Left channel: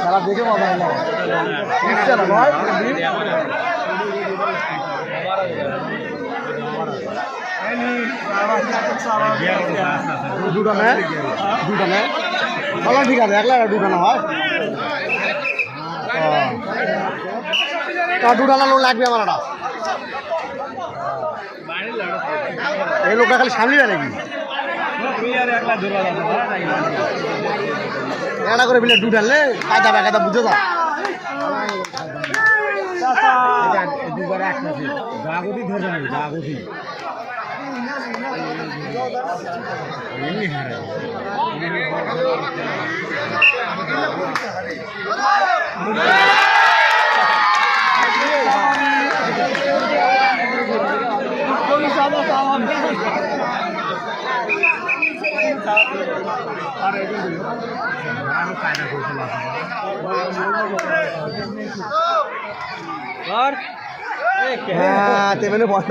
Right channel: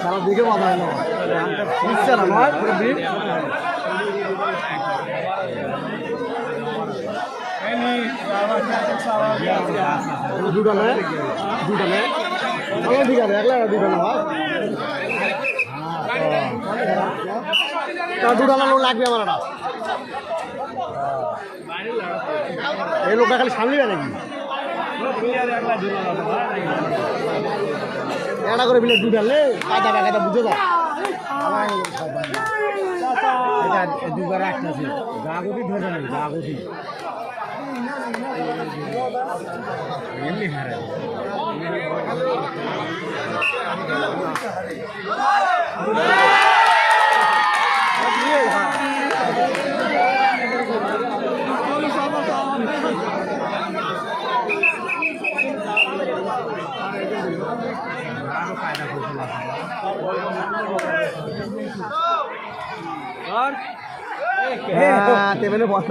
সারা দেখে মজা হলো ইচ্ছা না নয় দুটো নেয় ভালো ঠিক আছে একলা দুটো না হয় দুটো না লোক লাগবে আমার এই লোকটা খালি সামলিবে নাকি এটা করে বিলে দুধ আনলে কায়দা বাকায়দা বুঝে যা দুবার একসাথে জাগতি ধরবে না জাগতি এমনি হারে हाँ ते मैंने बहुत